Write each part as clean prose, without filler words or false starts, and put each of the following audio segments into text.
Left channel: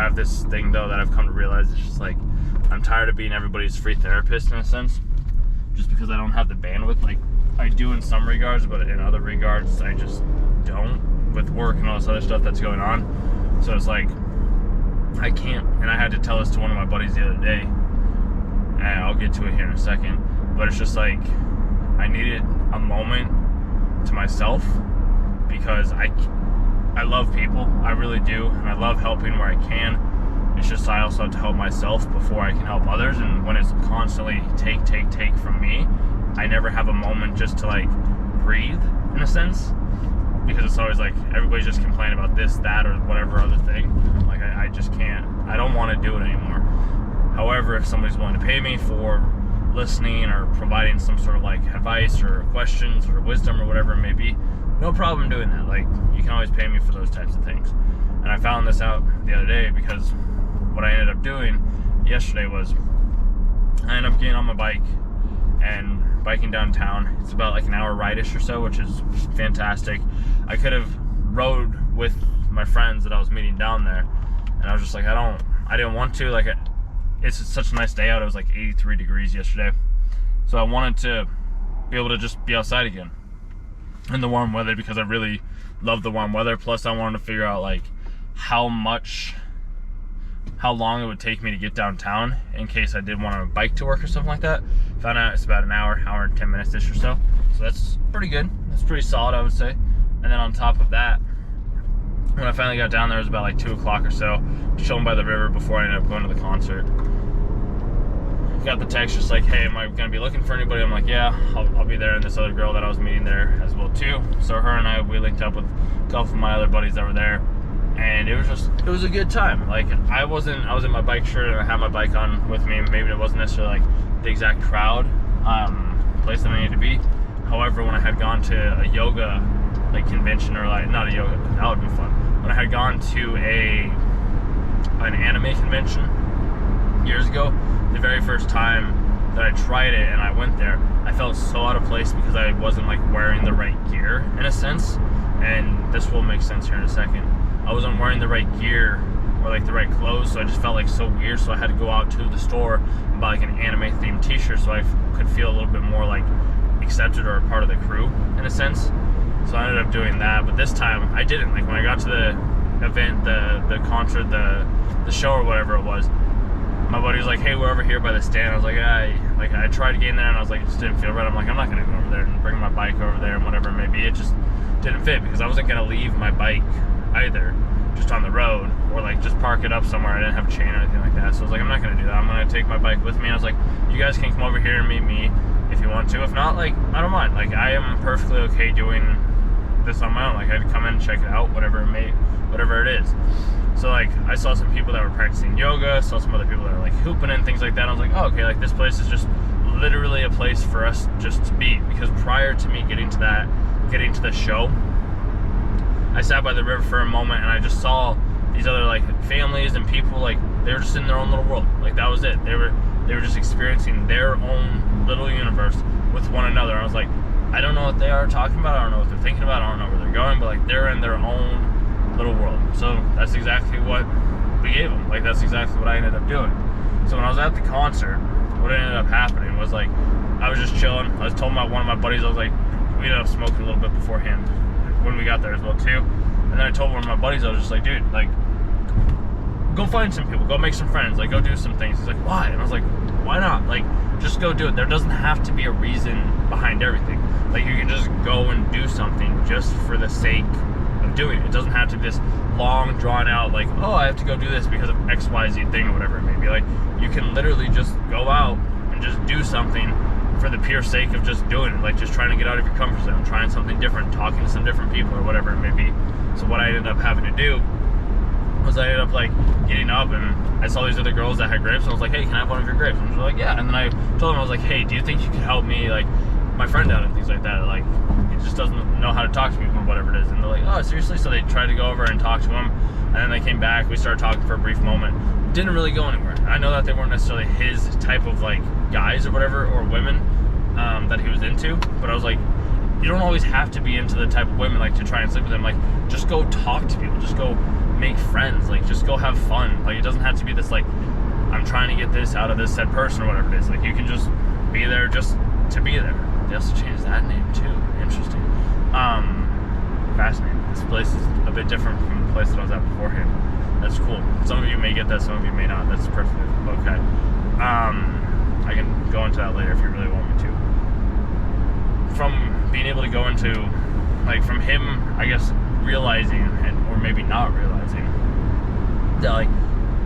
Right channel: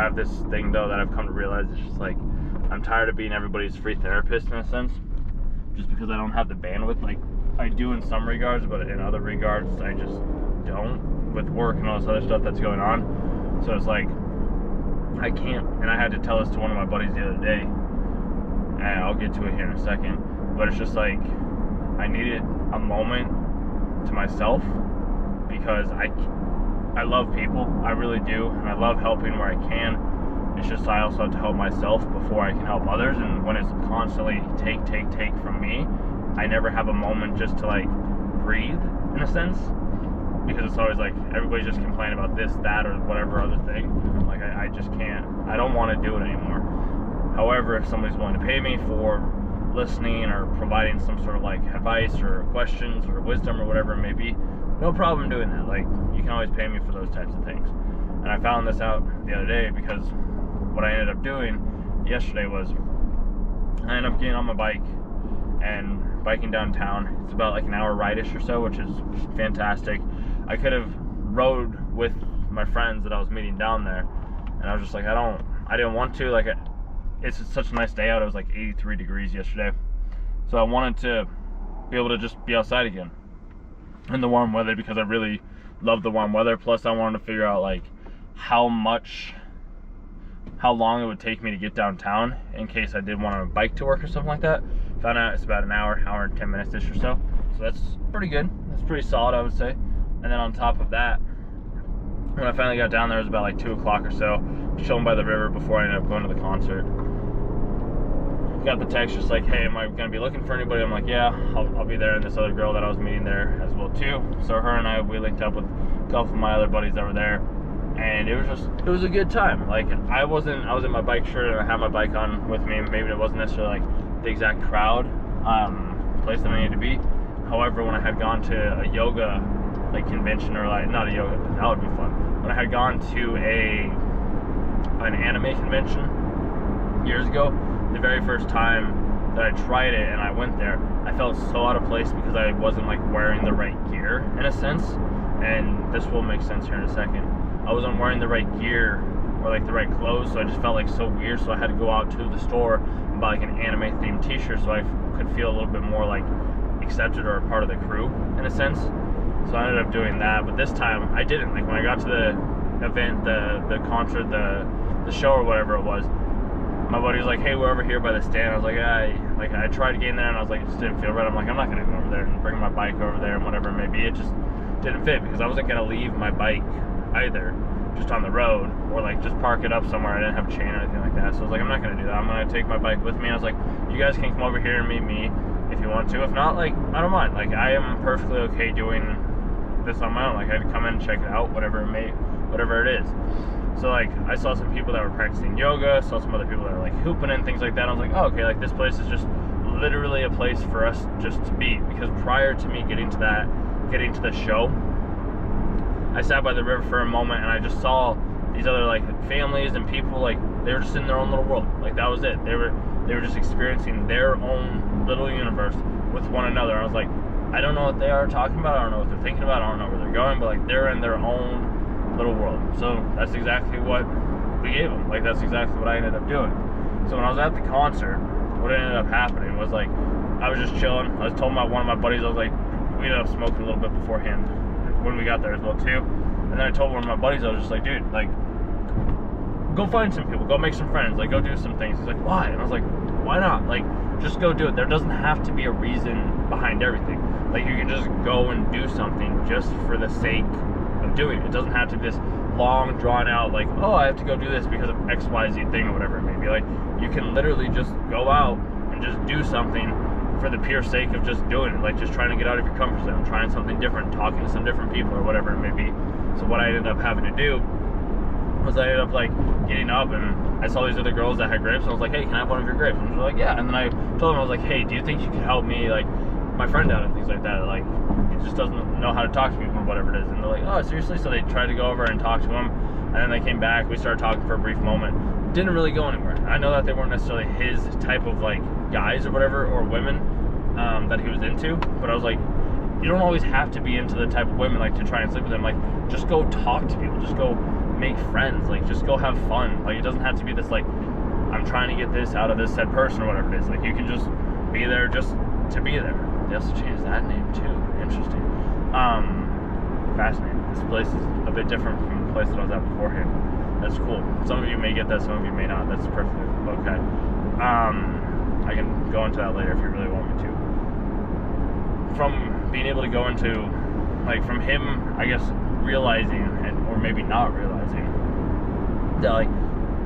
have this thing though that I've come to realize. It's just like, I'm tired of being everybody's free therapist in a sense, just because I don't have the bandwidth. Like, I do in some regards, but in other regards I just don't, with work and all this other stuff that's going on. So it's like, I can't, and I had to tell this to one of my buddies the other day, and I'll get to it here in a second, but it's just like, I needed a moment to myself, because I love people, I really do, and I love helping where I can. It's just I also have to help myself before I can help others, and when it's constantly take from me, I never have a moment just to like breathe in a sense, because it's always like everybody's just complaining about this, that, or whatever other thing. Like I just can't, I don't want to do it anymore. However, if somebody's willing to pay me for listening or providing some sort of like advice or questions or wisdom or whatever it may be, no problem doing that. Like, you can always pay me for those types of things. And I found this out the other day, because what I ended up doing yesterday was I ended up getting on my bike and biking downtown. It's about like an hour ride-ish or so, which is fantastic. I could have rode with my friends that I was meeting down there, and I was just like, I didn't want to. Like, it's such a nice day out. It was like 83 degrees yesterday, so I wanted to be able to just be outside again in the warm weather, because I really love the warm weather. Plus I wanted to figure out like how long it would take me to get downtown in case I did want to bike to work or something like that. Found out it's about an hour and 10 minutes ish or so. So that's pretty good. That's pretty solid, I would say. And then on top of that, when I finally got down there, it was about like 2 o'clock or so, chilling by the river before I ended up going to the concert. Got the text just like, hey, am I gonna be looking for anybody? I'm like, yeah, I'll be there. And this other girl that I was meeting there as well too. So her and we linked up with a couple of my other buddies that were there, and it was a good time. Like, I was in my bike shirt and I had my bike on with me. Maybe it wasn't necessarily like the exact crowd place that I needed to be. However, when I had gone to a yoga like convention, or like, not a yoga, that would be fun. When I had gone to an anime convention years ago, the very first time that I tried it and I went there, I felt so out of place because I wasn't like wearing the right gear in a sense. And this will make sense here in a second. I wasn't wearing the right gear or like the right clothes, so I just felt like so weird. So I had to go out to the store and buy like an anime themed t-shirt so I could feel a little bit more like accepted or a part of the crew in a sense. So I ended up doing that, but this time I didn't. Like, when I got to the event, the concert, the show or whatever it was, my buddy was like, hey, we're over here by the stand. I was like, I tried to get in there and I was like, it just didn't feel right. I'm like, I'm not gonna go over there and bring my bike over there and whatever it may be. It just didn't fit, because I wasn't gonna leave my bike either just on the road, or like just park it up somewhere. I didn't have a chain or anything like that. So I was like, I'm not gonna do that. I'm gonna take my bike with me. And I was like, you guys can come over here and meet me if you want to. If not, like, I don't mind. Like, I am perfectly okay doing this on my own. Like, I'd come in and check it out, whatever it is. So like, I saw some people that were practicing yoga, saw some other people that were like hooping and things like that. I was like, oh, okay, like this place is just literally a place for us just to be. Because prior to me getting to the show, I sat by the river for a moment and I just saw these other like families and people, like they were just in their own little world. Like, that was it. They were just experiencing their own little universe with one another. I was like, I don't know what they are talking about. I don't know what they're thinking about. I don't know where they're going, but like, they're in their own little world. So that's exactly what we gave them. Like, that's exactly what I ended up doing. So when I was at the concert, what ended up happening was like, I was just chilling. I was told one of my buddies, I was like, we ended up smoking a little bit beforehand when we got there as well too. And then I told one of my buddies, I was just like, dude, like, go find some people, go make some friends, like, go do some things. He's like, why? And I was like, why not? Like, just go do it. There doesn't have to be a reason behind everything. Like, you can just go and do something just for the sake of doing it. It doesn't have to be this long, drawn out, like, oh, I have to go do this because of XYZ thing or whatever it may be. Like, you can literally just go out and just do something for the pure sake of just doing it. Like, just trying to get out of your comfort zone, trying something different, talking to some different people or whatever it may be. So what I ended up having to do was I ended up like getting up, and I saw these other girls that had grapes, and I was like, hey, can I have one of your grapes? And they were like, yeah. And then I told them, I was like, hey, do you think you could help me, like, my friend out and things like that? Like, he just doesn't know how to talk to people or whatever it is. And they're like, oh, seriously? So they tried to go over and talk to him, and then they came back. We started talking for a brief moment. Didn't really go anywhere. I know that they weren't necessarily his type of like guys or whatever, or women that he was into, but I was like, you don't always have to be into the type of women like to try and sleep with them. Like, just go talk to people, just go make friends. Like, just go have fun. Like, it doesn't have to be this, like, I'm trying to get this out of this said person or whatever it is. Like, you can just be there just to be there. They also changed that name too. Interesting. Fascinating. This place is a bit different from the place that I was at beforehand. That's cool. Some of you may get that, some of you may not. That's perfectly okay. I can go into that later if you really want me to. From being able to go into, like, from him, I guess, realizing, or maybe not realizing, that, like,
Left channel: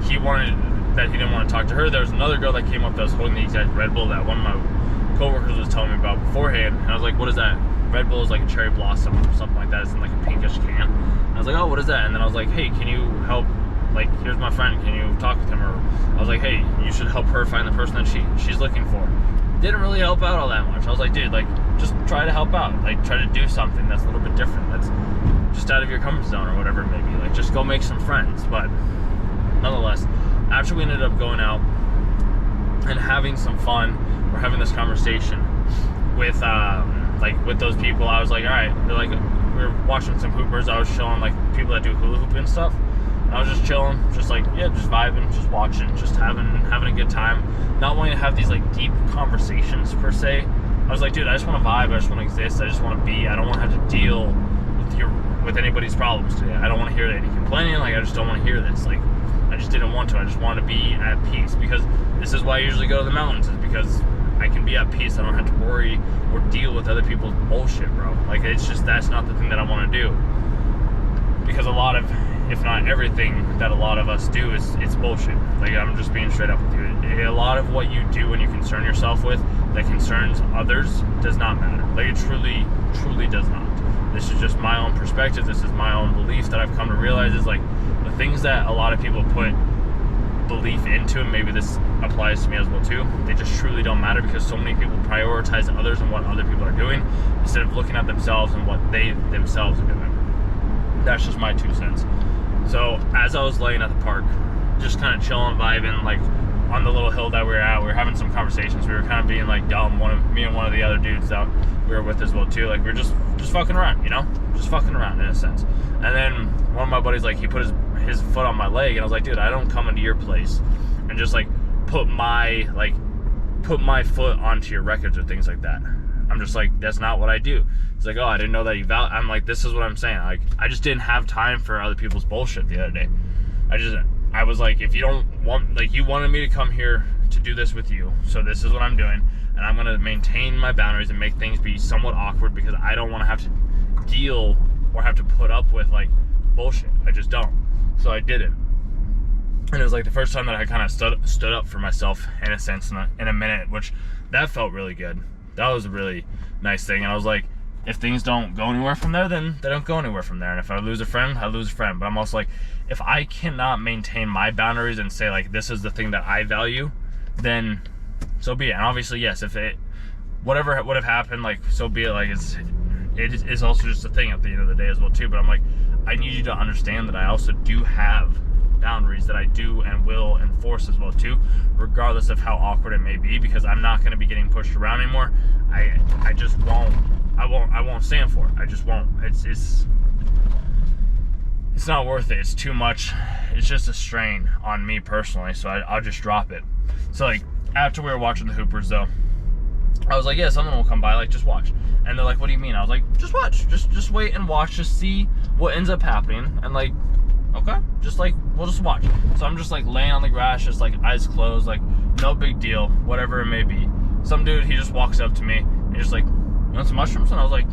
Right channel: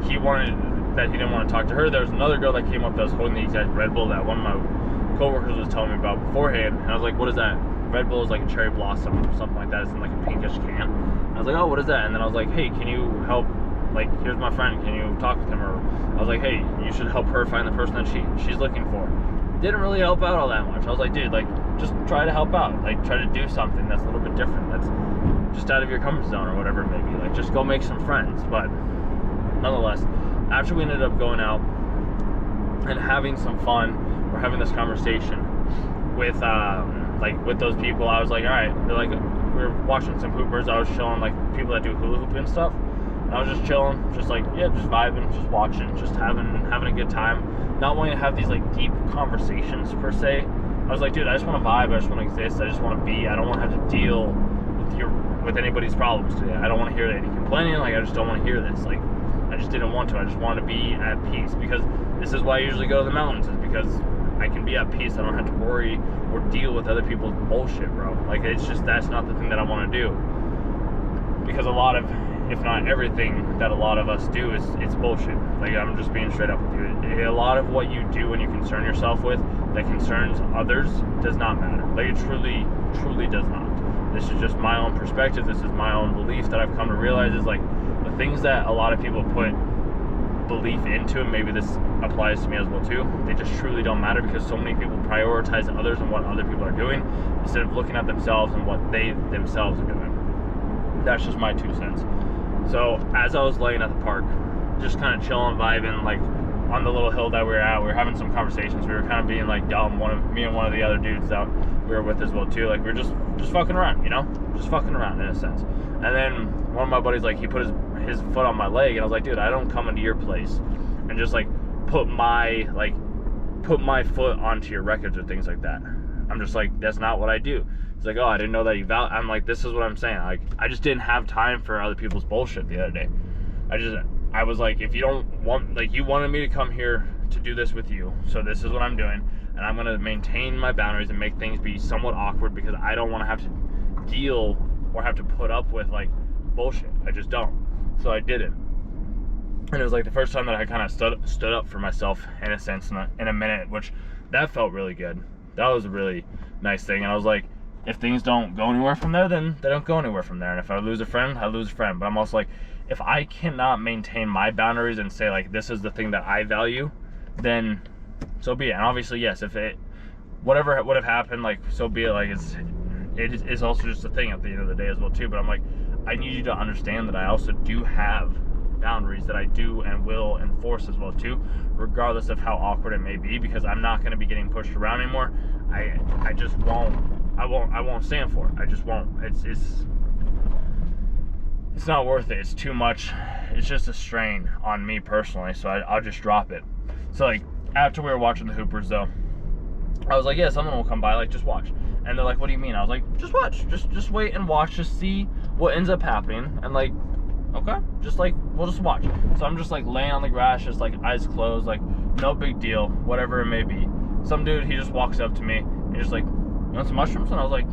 he didn't want to talk to her. There was another girl that came up that was holding the exact Red Bull that one of my coworkers was telling me about beforehand. And I was like, what is that? Red Bull is like a cherry blossom or something like that. It's in like a pinkish can. And I was like, oh, what is that? And then I was like, hey, can you help? Like, here's my friend. Can you talk with him? Or I was like, hey, you should help her find the person that she's looking for. Didn't really help out all that much. I was like, dude, like, just try to help out. Like, try to do something that's a little bit different. That's just out of your comfort zone or whatever it may be. Like, just go make some friends. But nonetheless, after we ended up going out and having some fun, we're having this conversation with with those people. I was like, all right, they're like, we were watching some hoopers. I was chilling, like, people that do hula hoop and stuff. And I was just chilling, just like, yeah, just vibing, just watching, just having a good time. Not wanting to have these like deep conversations per se. I was like, dude, I just want to vibe. I just want to exist. I just want to be. I don't want to have to deal with anybody's problems today. I don't want to hear any complaining. Like, I just don't want to hear this. Like, I just didn't want to. I just want to be at peace, because this is why I usually go to the mountains, is because I can be at peace. I don't have to worry or deal with other people's bullshit, bro. Like, it's just, that's not the thing that I want to do. Because a lot of, if not everything that a lot of us do it's bullshit. Like, I'm just being straight up with you. A lot of what you do when you concern yourself with that concerns others does not matter. Like, it truly, truly does not. This is just my own perspective. This is my own belief that I've come to realize is, like, the things that a lot of people put belief into, and maybe this applies to me as well too, they just truly don't matter, because so many people prioritize others and what other people are doing instead of looking at themselves and what they themselves are doing. That's just my 2 cents. So as I was laying at the park, just kind of chilling, vibing, like, on the little hill that we were at, we were having some conversations. We were kind of being like dumb. Me and one of the other dudes that we were with as well too, like, we were just fucking around, you know, just fucking around in a sense. And then one of my buddies, like, he put his foot on my leg, and I was like, dude, I don't come into your place and just like put my foot onto your records or things like that. I'm just like, that's not what I do. He's like, oh, I didn't know that you I'm like, this is what I'm saying. Like, I just didn't have time for other people's bullshit the other day. I was like, if you don't want, like, you wanted me to come here to do this with you, so this is what I'm doing, and I'm gonna maintain my boundaries and make things be somewhat awkward, because I don't want to have to deal or have to put up with, like, bullshit. I just don't. So I didn't. And it was like the first time that I kind of stood up for myself in a sense in a minute, which that felt really good. That was a really nice thing. And I was like, if things don't go anywhere from there, then they don't go anywhere from there. And if I lose a friend, I lose a friend. But I'm also like, if I cannot maintain my boundaries and say, like, this is the thing that I value, then so be it. And obviously, yes, if whatever would have happened, like, so be it. Like, it is also just a thing at the end of the day as well too. But I'm like, I need you to understand that I also do have boundaries that I do and will enforce as well too, regardless of how awkward it may be, because I'm not going to be getting pushed around anymore. I just won't. I won't stand for it. I just won't. It's not worth it. It's too much. It's just a strain on me personally, so I'll just drop it. So, like, after we were watching the Hoopers though, I was like, yeah, someone will come by, like, just watch. And they're like, what do you mean? I was like, just watch. Just wait and watch, just see what ends up happening. And, like, okay, just, like, we'll just watch. So I'm just, like, laying on the grass, just, like, eyes closed, like, no big deal, whatever it may be. Some dude, he just walks up to me and just like, you want some mushrooms? And I was like,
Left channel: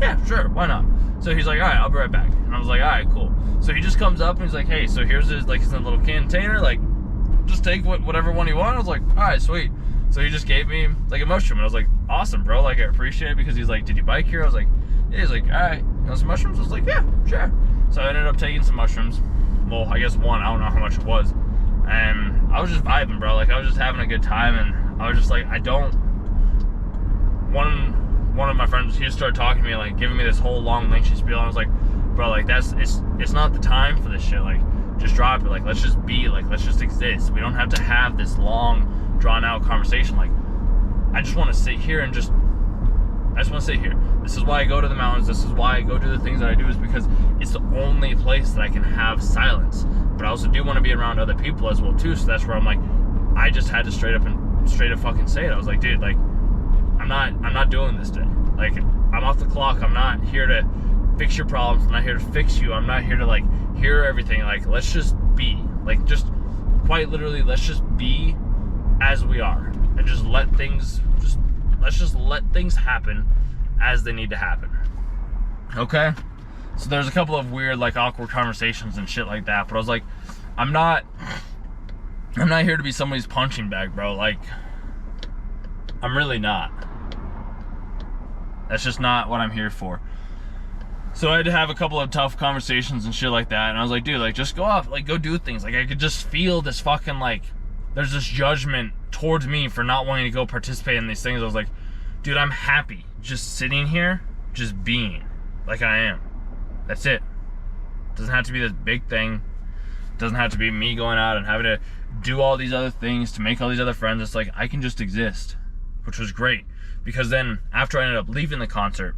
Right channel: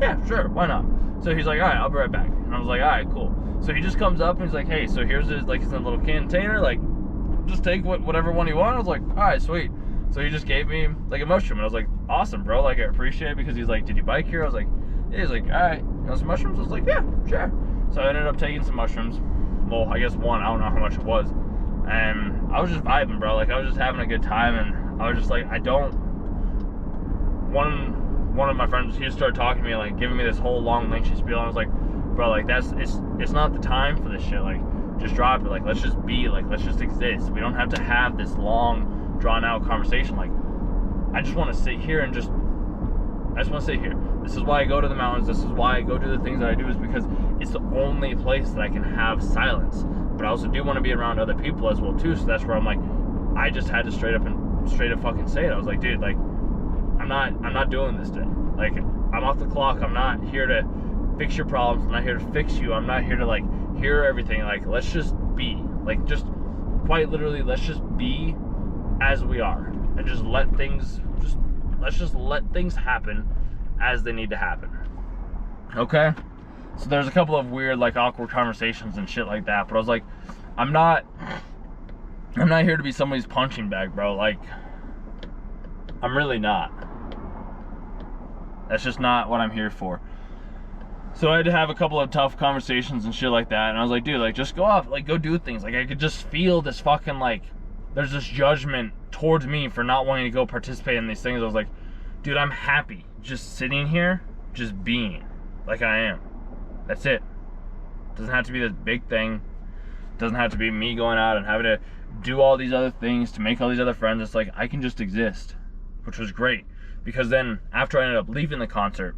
yeah, sure, why not? So he's like, all right, I'll be right back. And I was like, all right, cool. So he just comes up and he's like, hey, so here's his, like, his little container, like, just take whatever one you want. I was like, all right, sweet. So he just gave me, like, a mushroom, and I was like, awesome, bro, like, I appreciate it, because he's like, did you bike here? I was like, yeah. He's like, all right, you want some mushrooms? I was like, yeah, sure. So I ended up taking some mushrooms. Well, I guess one, I don't know how much it was. And I was just vibing, bro. Like, I was just having a good time, and I was just like, one of my friends, he just started talking to me, like, giving me this whole long lengthy spiel, and I was like, bro, like, it's not the time for this shit. Like, just drop it. Like, let's just be, like, let's just exist. We don't have to have this long, drawn out conversation. Like, I just want to sit here and just I just want to say here, this is why I go to the mountains, this is why I go do the things that I do, is because it's the only place that I can have silence. But I also do want to be around other people as well too, so that's where I'm like, I just had to straight up fucking say it. I was like, dude, like, I'm not doing this today. Like, I'm off the clock. I'm not here to fix your problems. I'm not here to fix you. I'm not here to, like, hear everything. Like, let's just be. Like, just quite literally, let's just be as we are. And just let's just let things happen as they need to happen. Okay? So there's a couple of weird, like, awkward conversations and shit like that. But I was like, I'm not here to be somebody's punching bag, bro. Like, I'm really not. That's just not what I'm here for. So I had to have a couple of tough conversations and shit like that. And I was like, dude, like, just go off, like, go do things. Like, I could just feel this fucking, like, there's this judgment towards me for not wanting to go participate in these things. I was like, dude, I'm happy just sitting here, just being like I am. That's it. Doesn't have to be this big thing. Doesn't have to be me going out and having to do all these other things to make all these other friends. It's like, I can just exist, which was great. Because then after I ended up leaving the concert,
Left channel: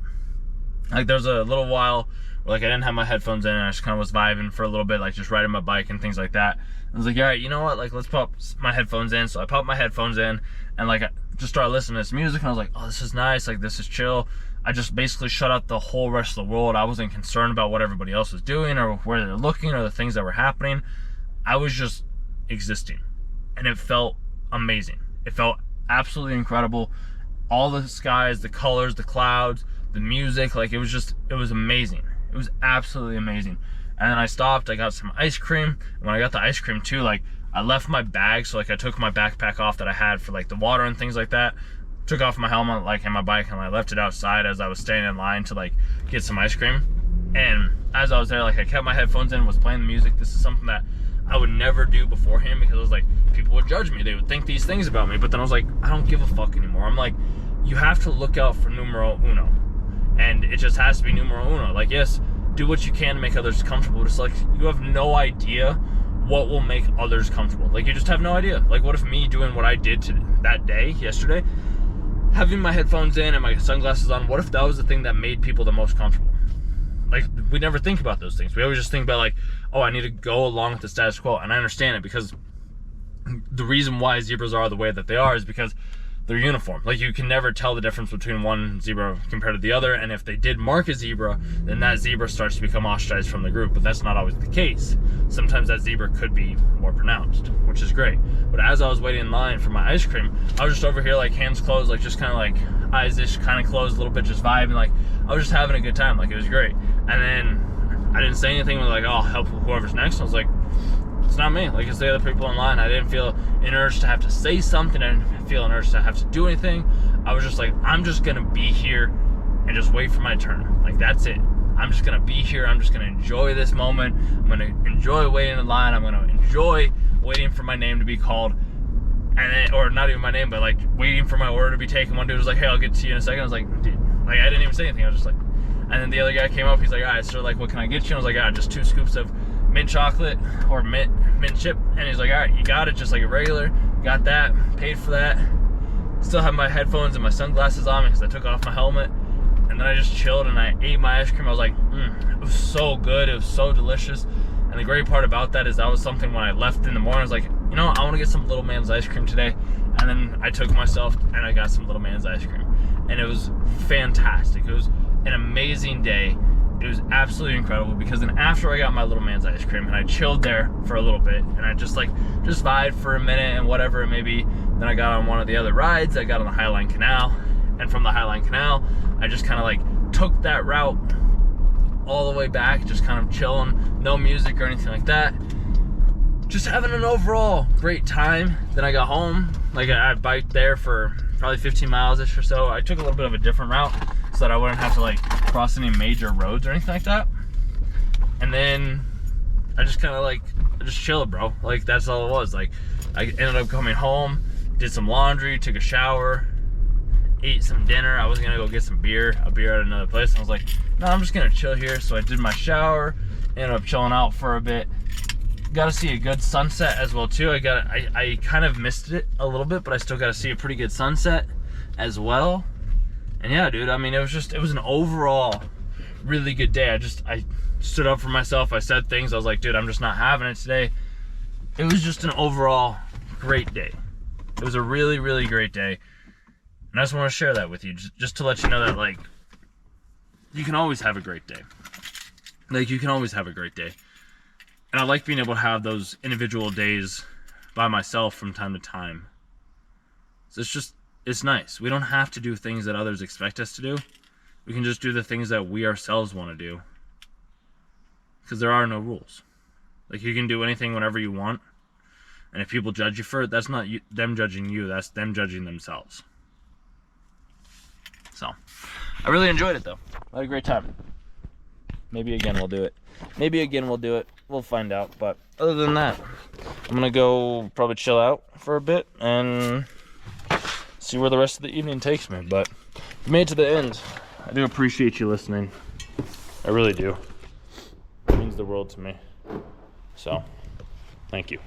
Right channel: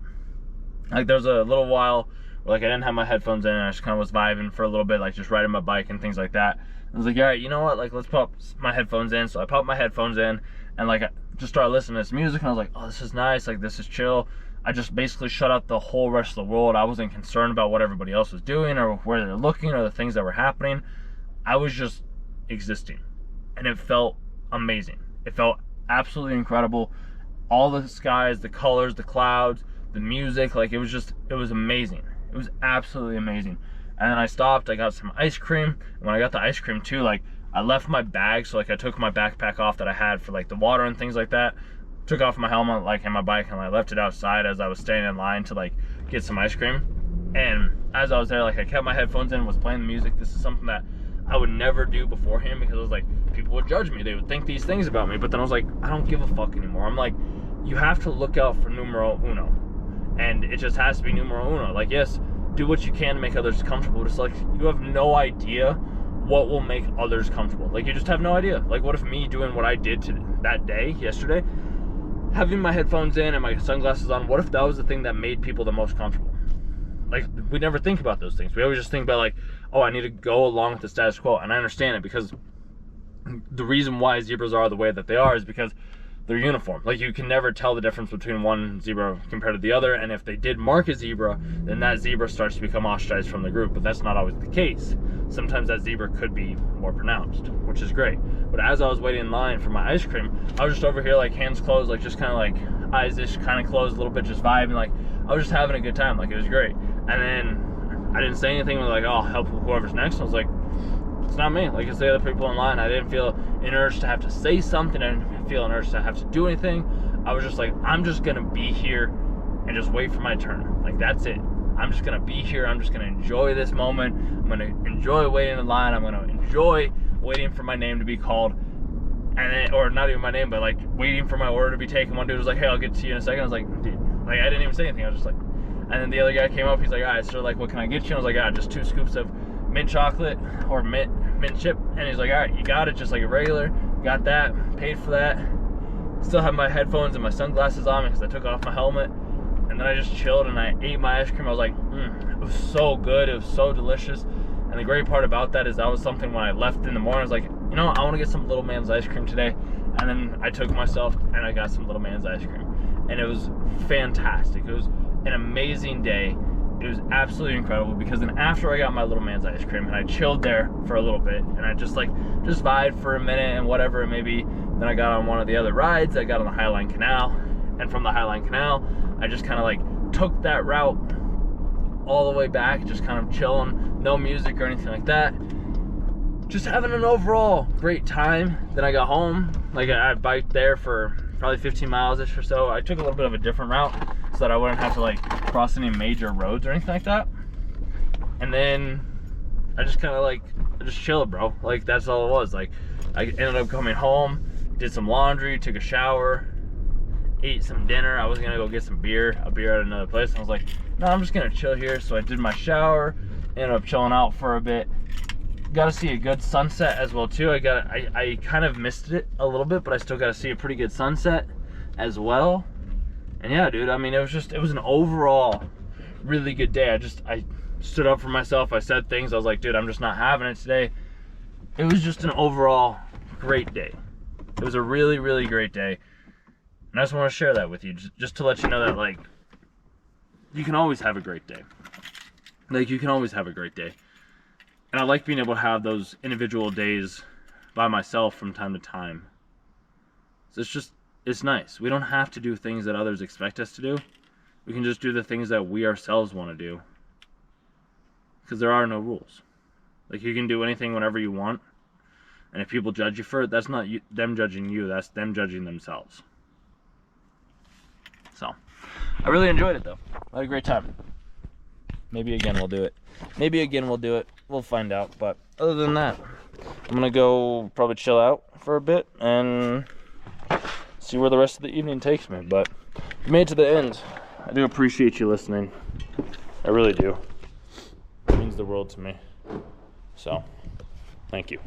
like, there was a little while where, like, I didn't have my headphones in and I just kind of was vibing for a little bit, like, just riding my bike and things like that. I was like, all right, you know what, like, let's pop my headphones in. So I popped my headphones in and, like, I just started listening to this music, and I was like, oh, this is nice, like, this is chill. I just basically shut out the whole rest of the world. I wasn't concerned about what everybody else was doing or where they're looking or the things that were happening. I was just existing, and it felt amazing. It felt absolutely incredible. All the skies, the colors, the clouds, the music, like, it was amazing. It was absolutely amazing. And then I stopped, I got some ice cream. And when I got the ice cream too, like, I left my bag, so, like, I took my backpack off that I had for, like, the water and things like that, took off my helmet, like, and my bike, and I left it outside as I was standing in line to, like, get some ice cream. And as I was there, like, I kept my headphones in, was playing the music. This is something that I would never do beforehand, because I was like, people would judge me, they would think these things about me. But then I was like, I don't give a fuck anymore. I'm like, you have to look out for numero uno, and it just has to be numero uno. Like, yes, do what you can to make others comfortable. Just, like, you have no idea what will make others comfortable. Like, you just have no idea. Like, what if me doing what I did that day, yesterday, having my headphones in and my sunglasses on, what if that was the thing that made people the most comfortable? Like, we never think about those things. We always just think about, like, oh, I need to go along with the status quo. And I understand it, because the reason why zebras are the way that they are is because they're uniform. Like, you can never tell the difference between one zebra compared to the other. And if they did mark a zebra, then that zebra starts to become ostracized from the group. But that's not always the case. Sometimes that zebra could be more pronounced, which is great. But as I was waiting in line for my ice cream, I was just over here, like, hands closed, like, just kind of, like, eyes-ish kind of closed a little bit, just vibing. Like, I was just having a good time. Like, it was great. And then I didn't say anything. Like, oh, I'll help whoever's next. I was like, it's not me. Like, it's the other people in line. I didn't feel an urge to have to say something. I didn't feel an urge to have to do anything. I was just like, I'm just gonna be here and just wait for my turn. Like, that's it. I'm just gonna be here. I'm just gonna enjoy this moment. I'm gonna enjoy waiting in line. I'm gonna enjoy waiting for my name to be called. And then, or not even my name, but, like, waiting for my order to be taken. One dude was like, hey, I'll get to you in a second. I was like, dude, like, I didn't even say anything. I was just like, and then the other guy came up. He's like, all right, so, like, what can I get you? And I was like, yeah, just 2 scoops of mint chocolate or mint chip. And he's like, all right, you got it, just like a regular. Got that, paid for that. Still have my headphones and my sunglasses on me because I took off my helmet. And then I just chilled and I ate my ice cream. I was like, it was so good. It was so delicious. And the great part about that is that was something when I left in the morning, I was like, you know, I want to get some Little Man's ice cream today. And then I took myself and I got some Little Man's ice cream. And it was fantastic. It was an amazing day. It was absolutely incredible, because then after I got my Little Man's ice cream and I chilled there for a little bit and I just vibed for a minute and whatever it may be, then I got on one of the other rides. I got on the Highline Canal, and from the Highline Canal, I just kind of, like, took that route all the way back, just kind of chilling, no music or anything like that. Just having an overall great time. Then I got home, like, I biked there for probably 15 miles-ish or so. I took a little bit of a different route so that I wouldn't have to, like, cross any major roads or anything like that. And then I just kind of, like, I just chilled, bro. Like, that's all it was. Like, I ended up coming home, did some laundry, took a shower, ate some dinner. I was gonna go get some beer, a beer at another place. And I was like, no, I'm just gonna chill here. So I did my shower, ended up chilling out for a bit. Got to see a good sunset as well too. I kind of missed it a little bit, but I still got to see a pretty good sunset as well. And yeah, dude, I mean, it was an overall really good day. I stood up for myself. I said things. I was like, dude, I'm just not having it today. It was just an overall great day. It was a really, really great day. And I just want to share that with you, just to let you know that, like, you can always have a great day. Like, you can always have a great day. And I like being able to have those individual days by myself from time to time. So it's nice. We don't have to do things that others expect us to do. We can just do the things that we ourselves want to do. Because there are no rules. Like, you can do anything whenever you want. And if people judge you for it, that's not them judging you. That's them judging themselves. So, I really enjoyed it, though. I had a great time. Maybe again we'll do it. Maybe again we'll do it. We'll find out. But other than that, I'm going to go probably chill out for a bit and see where the rest of the evening takes me. But if you made it to the end, I do appreciate you listening. I really do. It means the world to me. So, thank you.